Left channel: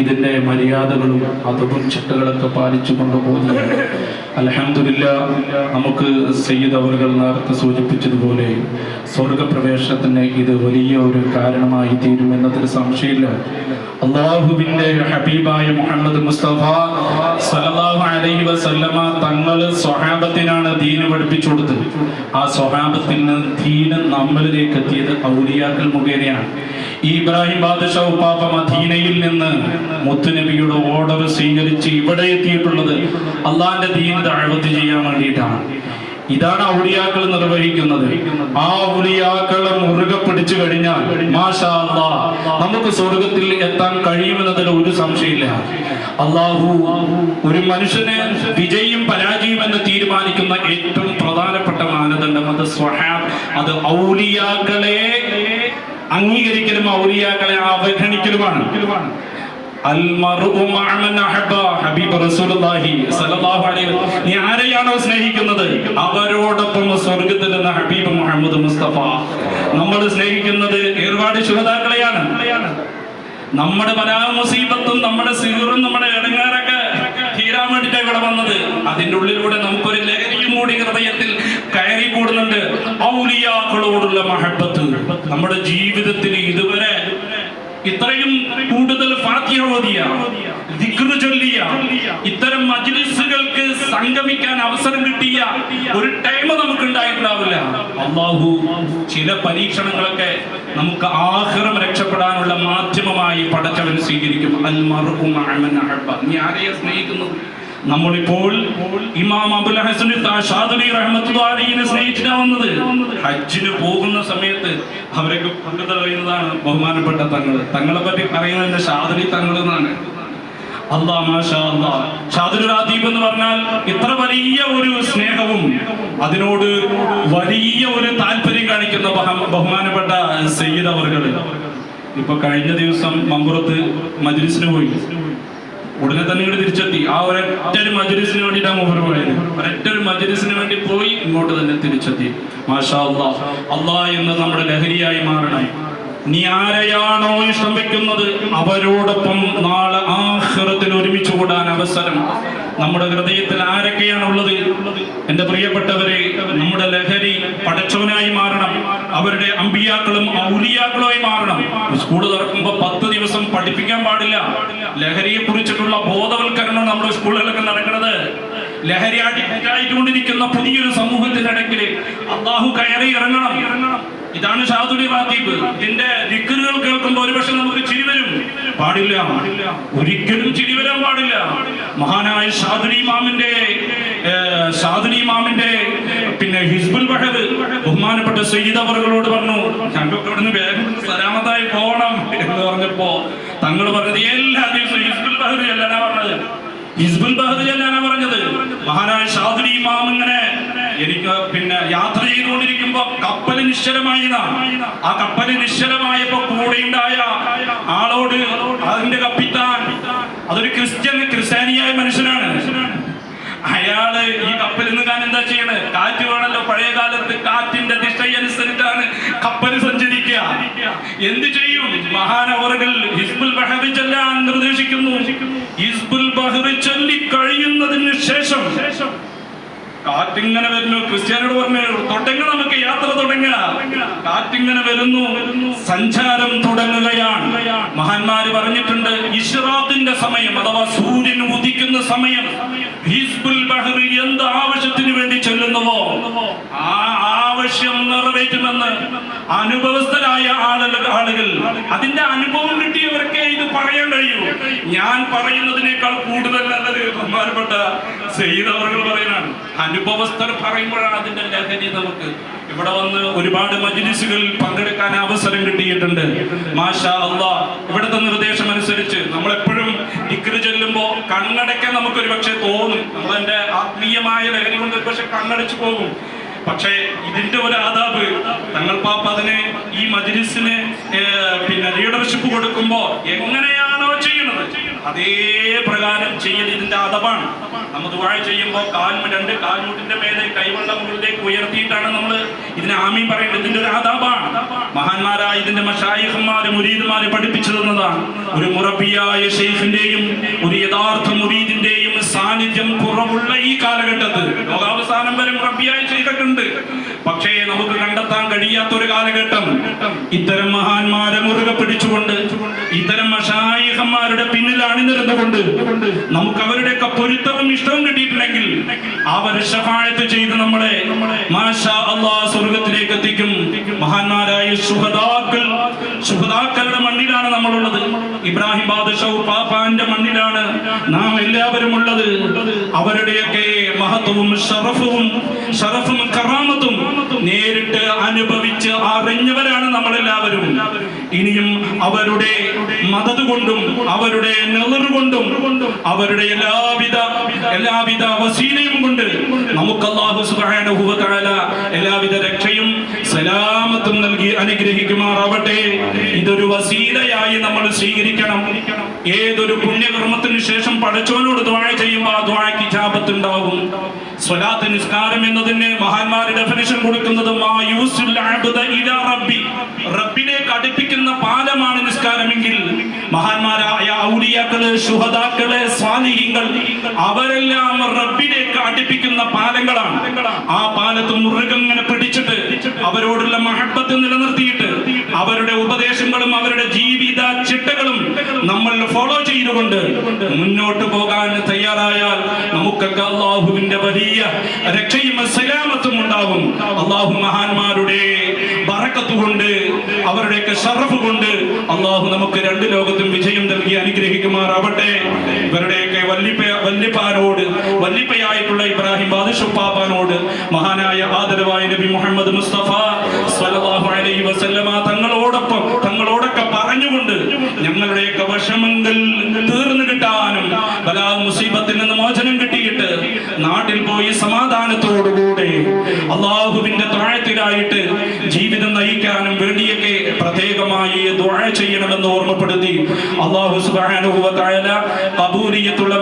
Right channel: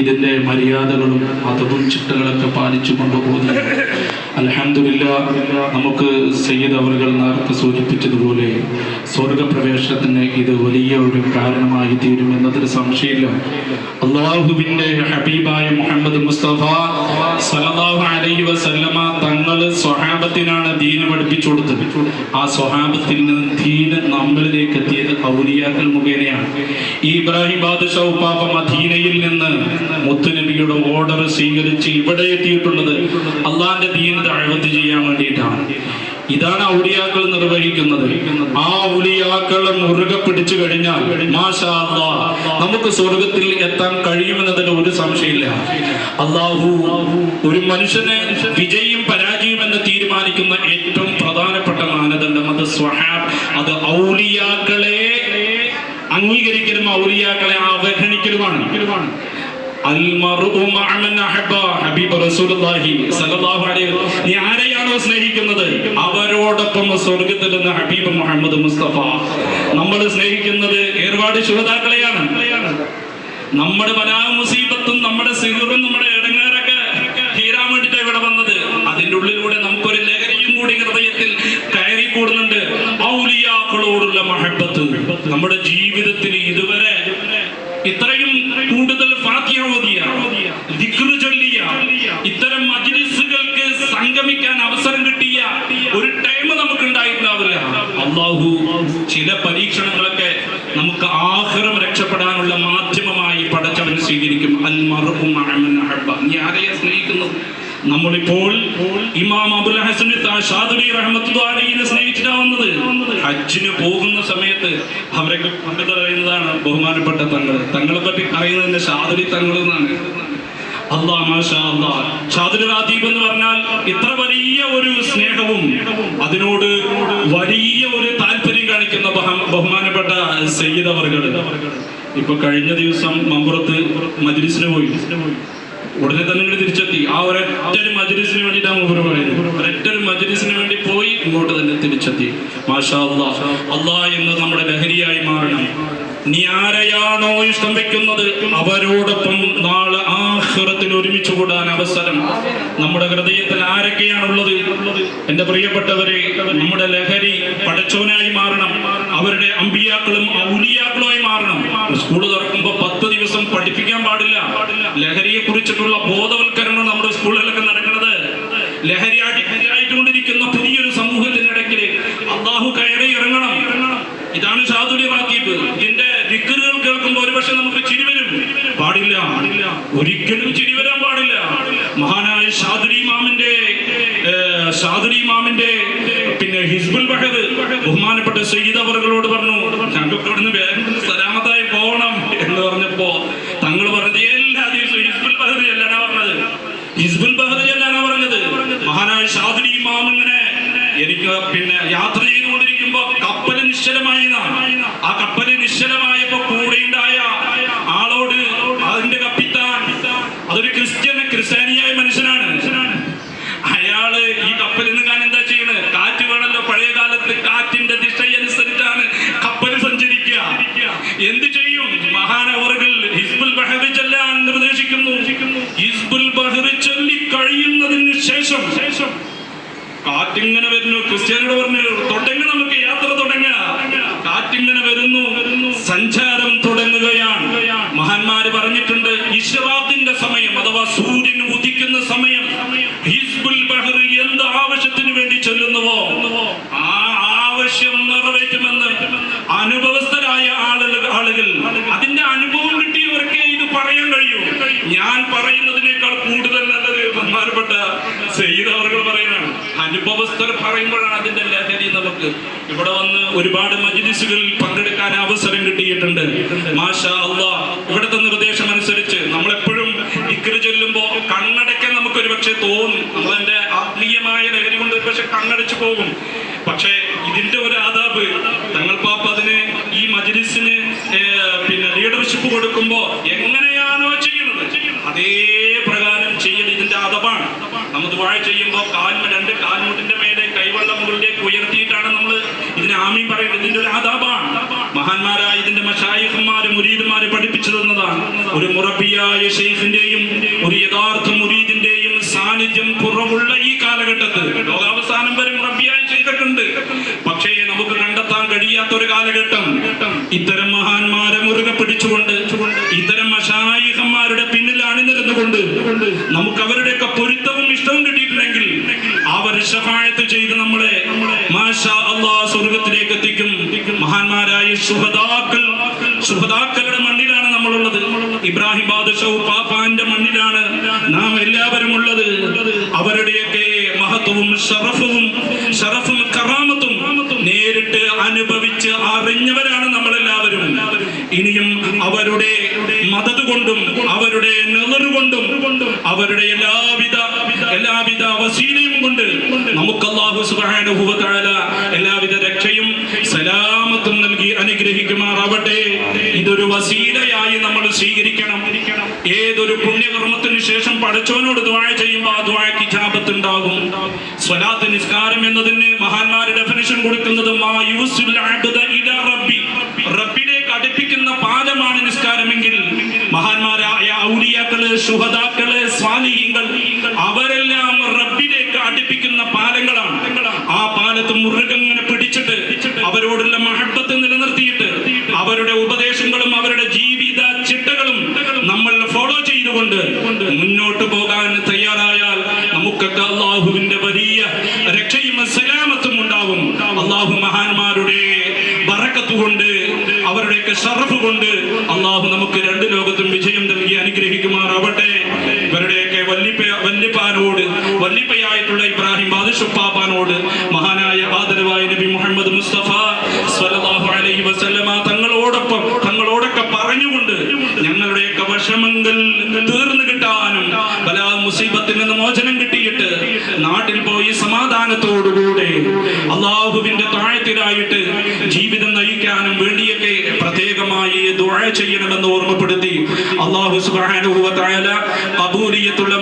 ഇതിന്റെ മര്യാദകളും അതും ചിട്ടകളൊക്കെ പാലിച്ചുകൊണ്ട് കൊണ്ടുപോകുന്നു. അലഹമില്ല നമുക്ക് സയ്യിദ് അവറുകൾ നേരത്തെ സൂചിപ്പിച്ചതുപോലെ സ്വർഗപ്രവേശനത്തിന് ഇത് വലിയ ഒരു കാരണമായി തീരുമെന്നതിൽ സംശയമില്ല. അള്ളാഹുബിന്റെ ഹബീബായ മുഹമ്മദ് മുസ്തഫ സല്ലല്ലാഹു അലൈ വസല്ലമ തങ്ങൾ സ്വഹാബത്തിനാണ് ദീന് പഠിപ്പിച്ചു കൊടുത്തത്. ആ സ്വഹാബത്തിൽ നിന്ന് ദീന് നമ്മളിലേക്ക് എത്തിയത് ഔലിയാക്കൾ മുഖേനയാണ്. ഈ ഇബ്രാഹിം ബാദുഷാ ഉപ്പാപ്പ മദീനയിൽ നിന്ന് മുത്തുനബിയുടെ ഓർഡർ സ്വീകരിച്ച് ഇവിടെ എത്തിയിട്ടുള്ളത് അള്ളാന്റെ ദീന് ദഅവത്ത് ചെയ്യാൻ വേണ്ടിയിട്ടാണ്. ഇതാണ് ഔലിയാക്കൾ നിർവഹിക്കുന്നത്. ആ ഔലിയാക്കളെ മുറുകെ പിടിച്ചു കഴിഞ്ഞാൽ നമുക്ക് സ്വർഗത്തിൽ എത്താൻ കഴിയുമെന്നതിൽ ഒരു സംശയമില്ല. അള്ളാഹു ഒരു മനുഷ്യനെ വിജയും പരാജയം എന്ന് തീരുമാനിക്കുന്ന ഏറ്റവും പ്രധാനപ്പെട്ട മാനദണ്ഡം അത് സ്വഹാബ് അത് ഔലിയാക്കളെ അംഗീകരിക്കലും ഔലിയാക്കളെ അവഗണിക്കലുമാണ്. ആരെയാണോ സ്നേഹിക്കുന്നത്? അവരോടൊപ്പം സ്വർഗത്തിൽ നിന്ന് ഹബീബ് മുഹമ്മദ് മുസ്തഫ. നമ്മൾ സ്നേഹിക്കുന്നത് ഏർവാട് ശുഹതാക്കളെയാണ് നമ്മുടെ പല മുസീബത്തും നമ്മുടെ സിഹുറും നമ്മുടെ ഇടങ്ങാറൊക്കെ തീരാൻ വേണ്ടിയിട്ട് ഇവിടെ വന്നത്. അതിന്റെ ഉള്ളിലൂടെ നമുക്കൊരു ലഹരിയും കൂടി ഹൃദയത്തിൽ കയറി കൂടുന്നുണ്ട്. ഔലിയാക്കളോടുള്ള മഹബത്ത്. നമ്മുടെ ജീവിതത്തിൽ ഇതുവരെ ഇത്രയും കൂടുതൽ ചൊല്ലിയ ഇത്തരം മജ്ലിസുകൾക്ക് സംഗമിക്കാൻ അവസരം കിട്ടിയ ഒരു ടൈം നമുക്ക് ഉണ്ടായിട്ടുണ്ടാവില്ല അള്ളാഹു ചില പരീക്ഷണങ്ങളൊക്കെ നമുക്ക് ആഹ്റം രക്ഷപ്പെടാനുള്ള മാധ്യമമായി പടച്ചവൻ സ്വീകരിക്കും. അൽ മൻ നീ ആരെയാ സ്നേഹിക്കുന്നത്? നമ്മളിപ്പോൾ ഇമാം അബുൽ ഹസൻ ഷാദുലി റഹ്മത്തുള്ളാഹിനെ സ്നേഹിച്ചിട്ടാവുന്നത് ഹജ്ജിന് പോകുന്ന സമയത്ത് അവരൊക്കെ പങ്കു പറയുന്നതാണ് ബഹുമാനപ്പെട്ട തങ്ങൾ. തങ്ങളെ പറ്റി അറിയുന്നതിന്റെ ഷാദുലി തങ്ങൾ എന്നാണ്. റാദീബ് എന്ന് പറഞ്ഞാൽ ഇത്ര വലിയ ഒരു സ്നേഹവും അതിനോട് വലിയ ഒരു താല്പര്യം കാണിക്കുന്ന ബഹുമാനപ്പെട്ട സയ്യിദ് അവർകൾ ഇപ്പൊ കഴിഞ്ഞ ദിവസം മമ്പുറത്ത് മജ്ലിസിന് പോയി. ഉടനെ തന്നെ ഇങ്ങോട്ട് തിരിച്ചെത്തി. ആ ഒരൊറ്റ ഒരു മജ്ലിസിന് വേണ്ടിയിട്ടാണ് മൂപ്പർ പോയത് ഒരൊറ്റ ഒരു വേണ്ടി പോയി ഇങ്ങോട്ട് തന്നെ തിരിച്ചെത്തി. മാഷാ അള്ളാ എന്ന് നമ്മുടെ ലഹരിയായി മാറണം. നീ ആരെയാണോ ഇഷ്ടം വെക്കുന്നത് അവരോടൊപ്പം നാളെ ആഹ്റത്തിൽ ഒരുമിച്ച് കൂടാൻ അവസരം. നമ്മുടെ ഹൃദയത്തിൽ ആരൊക്കെയാണുള്ളത് എന്റെ പ്രിയപ്പെട്ടവരെ നമ്മുടെ ലഹരി പടച്ചവനായി മാറണം. അവരുടെ അമ്പിയാക്കളും ഔലിയാക്കളുമായി മാറണം. സ്കൂൾ തുറക്കുമ്പോ പത്ത് പഠിപ്പിക്കാൻ പാടില്ല. ലഹരിയെ കുറിച്ചിട്ടുള്ള ബോധവൽക്കരണം നമ്മുടെ സ്കൂളുകളിലൊക്കെ നടക്കുന്നത്. ലഹരി ആയിട്ടുകൊണ്ടിരിക്കുന്ന പുതിയൊരു സമൂഹത്തിനിടയ്ക്ക് അള്ളാഹു കയറി ഇറങ്ങണം. ഇതാണ് ഷാദുലി റാത്തീബ് ഇതിന്റെ ദിക്കറുകൾ കേൾക്കുമ്പോൾ ഒരുപക്ഷെ നമുക്ക് ചിരി വരും. പാടില്ല. ഒരിക്കലും ചിരി വരാൻ പാടില്ല. മഹാനായ ഷാദുലി ഇമാമിന്റെ ഏഹ്, ഷാദുലി ഇമാമിന്റെ പിന്നെ ഹിസ്ബുൽ ബഹദ് ബഹുമാനപ്പെട്ട സയ്യിദ് അവർകളോട് പറഞ്ഞു ഞങ്ങൾക്ക് ഇവിടുന്ന് വേഗം സലാമത്തായി പോകണം എന്ന് പറഞ്ഞപ്പോ തങ്ങൾ പറഞ്ഞത് എല്ലാ ദിവസവും ഹിസ്ബുൽ ബഹദ് ചെല്ലാനാ പറഞ്ഞത് ഹിസ്ബുൽ ബഹദ് ചെല്ലാനാ പറഞ്ഞത് മഹാനായ ഷാദുലി ഇമാം ഇങ്ങനെ എനിക്ക് പിന്നെ യാത്ര ചെയ്തുകൊണ്ടിരിക്കുമ്പോ കപ്പൽ നിശ്ചലമായതാണ് ആ കപ്പൽ നിശ്ചലമായപ്പോ കൂടെയുണ്ടായ ആളോട് അതിന്റെ കപ്പിത്താൻ. അതൊരു ക്രിസ്ത്യൻ ക്രിസ്ത്യാനിയായ മനുഷ്യനാണ്. അയാൾ ഈ കപ്പലിൽ നിന്ന് ഞാൻ എന്താ ചെയ്യണത് കാറ്റ് വേണമല്ലോ പഴയ കാലത്ത് കാറ്റിന്റെ ദിശയനുസരിച്ചാണ് കപ്പൽ സഞ്ചരിക്കുക. എന്ത് ചെയ്യും? മഹാനവറുകൾ ഹിസ്ബുൽ ബഹറി ചെല്ലാൻ നിർദ്ദേശിക്കുന്നു. ഹിസ്ബുൽ ബഹറി ചൊല്ലി കഴിയുന്നതിന് ശേഷം കാറ്റിങ്ങനെ വരുന്നു. ക്രിസ്ത്യാനോട് പറഞ്ഞു തുടങ്ങ നമുക്ക് യാത്ര തുടങ്ങ. കാറ്റിങ്ങനെ വരുന്നു. സഞ്ചാരം തുടങ്ങുകയാണ്. മഹാന്മാര് പറഞ്ഞിട്ടുണ്ട് ഇഷ്റാഖിന്റെ സമയം അഥവാ സൂര്യൻ ഉദിക്കുന്ന സമയം ഹിസ്ബുൽ ബഹ്റി എന്ത് ആവശ്യത്തിന് വേണ്ടി ചെല്ലുന്നുവോ? ആ ആവശ്യം നിറവേറ്റുമെന്ന് അനുഭവസ്ഥരായ ആളുകൾ ആളുകൾ അതിന്റെ അനുഭവം കിട്ടിയവർക്ക് ഇത് പറയാൻ കഴിയൂ. ഞാൻ പറയുന്നതിനേക്കാൾ കൂടുതൽ നല്ലത് ബഹുമാനപ്പെട്ട സെയ്ത് അവർ പറയുന്നതാണ്. അനുഭവസ്ഥർ പറയുമ്പോഴാണ് അതിന്റെ ലഹരി നമുക്ക്. ഇവിടെ വന്ന് ഒരുപാട് മജിലിസുകളിൽ പങ്കെടുക്കാൻ അവസരം കിട്ടിയിട്ടുണ്ട്. മാഷാ അള്ളാ ഇവിടുത്തെ നിർദ്ദേശം അനുസരിച്ച് നമ്മളെപ്പോഴും ഇക്കറി ചൊല്ലുമ്പോൾ കണ്ണടയ്ക്കാൻ നമുക്കൊരു പക്ഷെ തോന്നും. നമ്മളെന്റെ ആത്മീയമായ ലഹരി കൊണ്ട് പക്ഷെ കണ്ണടച്ചു പോകും. പക്ഷേ ഇതിന്റെ ഒരു ആദാബ് തങ്ങൾ പാപ്പ അതിന് ഈ മജ്ലിസിന് പിന്നെ ലീഡർഷിപ്പ് കൊടുക്കുമ്പോ എങ്ങനെയാണോ ചെയ്യുന്നത് അതേ പ്രകാരം ചെയ്യൽ ഇതിന്റെ അതപാണ് നമ്മൾ ദുബായ് ചെയ്യുമ്പോൾ കാൽമ രണ്ട് കാൽമുട്ടിന്റെ മേലെ കൈവണ്ട മുകളിലേക്ക് ഉയർത്തിയിട്ടാണ് നമ്മൾ ഇതിനെ ആമീൻ പറയുന്നത്. ഇതിന്റെ ഒരു ആദാബാണ്. മഹാന്മാരായ ഇതിന്റെ മഷായിഹന്മാര് മുരീദുമാരും പഠിപ്പിച്ചു തന്നതാണ് ഒരു മുറബിയായ ഷെയ്ഫിന്റെയും ഒരു യഥാർത്ഥ മുരീദിന്റെയും സാന്നിധ്യം കുറവുള്ള ഈ കാലഘട്ടത്തിൽ. ലോകാവസാനം വരെ മുറബിയായ ഷെയ്ഖൊക്കെ പക്ഷേ നമുക്ക് കണ്ടെത്താൻ കഴിയാത്ത ഒരു കാലഘട്ടം. ഇത്തരം മഹാന്മാരെ മുറുകെ പിടിച്ചുകൊണ്ട് നമുക്ക് അവരുടെയൊക്കെ പൊരുത്തവും ഇഷ്ടവും കിട്ടിയിട്ടുണ്ടെങ്കിൽ അവർ ഷഫായത്ത് ചെയ്ത് നമ്മളെ സ്വർഗത്തിലേക്ക് എത്തിക്കും മഹാന്മാരായ ശുഭതാക്കൾ ശുഭതാക്കളുടെ മണ്ണിലാണ് നമ്മളുള്ളത്. ഇബ്രാഹിം ബാദുഷൗ പാപ്പാന്റെ മണ്ണിലാണ് നാം എല്ലാവരും ഉള്ളത്. അവരുടെയൊക്കെ മഹത്വവും ഷറഫും ഷറഫും കറാമത്തും നേരിട്ട് അനുഭവിച്ച് അറിഞ്ഞവരാണ് അവരുടെ മതത് കൊണ്ടും അവരുടെ കൊണ്ടും അവരുടെ എല്ലാവിധ എല്ലാവിധ വസീലയും കൊണ്ട് നമുക്ക് അള്ളാഹു സുബ്ഹാനഹു വ എല്ലാവിധ രക്ഷയും സലാമത്തും നൽകി അനുഗ്രഹിക്കുമാറാവട്ടെ. ഇതൊരു വസീലയായി നമ്മൾ സ്വീകരിക്കണം. ഏതൊരു പുണ്യകർമ്മത്തിന് ശേഷം പഠിച്ചവനോട് ദ്വാഴ ചെയ്യുമ്പോൾ ആ ദ്വാഴയ്ക്ക് ചാപത്തുണ്ടാകും സ്വലാത്ത് നിസ്കാരം എന്നതിന് മഹാന്മാര് ഡെഫിനിഷൻ കൊടുക്കുന്നത് മാ യൂസുൽ ഇലാ നിസ്കാരമെങ്കിൽ മഹാന്മാരായ ഔലിയാക്കൾ ശുഹദാക്കൾ സ്വാലിഹീങ്ങൾ അവരെല്ലാം റബ്ബിലേക്ക് അടുപ്പിക്കുന്ന പാലങ്ങളാണ്. ആ പാലത്ത് മുറുകങ്ങനെ പിടിച്ചിട്ട് അവരോടുള്ള മഹത്വത്ത് നിലനിർത്തിയിട്ട് അവരുടെ ഉപദേശങ്ങളും അവരുടെ ജീവിത ചിട്ടകളും നമ്മൾ ഫോളോ ചെയ്തുകൊണ്ട് മുന്നോട്ട് പോകാൻ തയ്യാറായാൽ നമുക്കൊക്കെ അള്ളാഹുവിന്റെ വലിയ രക്ഷയും സലാമത്തും ഉണ്ടാകും അള്ളാഹു മഹാന്മാരുടെ കൊണ്ട് അവരുടെയൊക്കെ ഷറഫ് കൊണ്ട് അള്ളാഹു നമുക്ക് രണ്ട് ലോകത്തും വിജയം നൽകി അനുഗ്രഹിക്കുമാറാവട്ടെ. ഇവരുടെയൊക്കെ വല്ലിപ്പ വല്ലിപ്പാനോട് വല്ലിപ്പയായിട്ടുള്ള ഇബ്രാഹിം ബാദുഷപ്പാപ്പാനോട് മഹാനായ ആദരവായ നബി മുഹമ്മദ് മുസ്തഫ സല്ലല്ലാഹു അലൈഹി വസല്ലമ തങ്ങളോടൊപ്പം തങ്ങളോടൊക്കെ പറഞ്ഞുകൊണ്ട് ഞങ്ങളുടെയൊക്കെ വിഷമങ്ങൾ നയിക്കാനും വേണ്ടിയൊക്കെ പ്രത്യേകമായി ദുആ ചെയ്യണമെന്ന് ഓർമ്മപ്പെടുത്തി അള്ളാഹു സുബ്ഹാനഹു വ തആല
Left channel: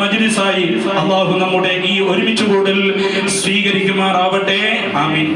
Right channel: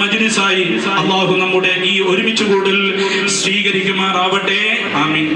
മജ്ലിസായി അള്ളാഹു നമ്മുടെ ഈ ഒരുമിച്ച് കൂടൽ സ്വീകരിക്കുമാറാവട്ടെ. ആമീൻ.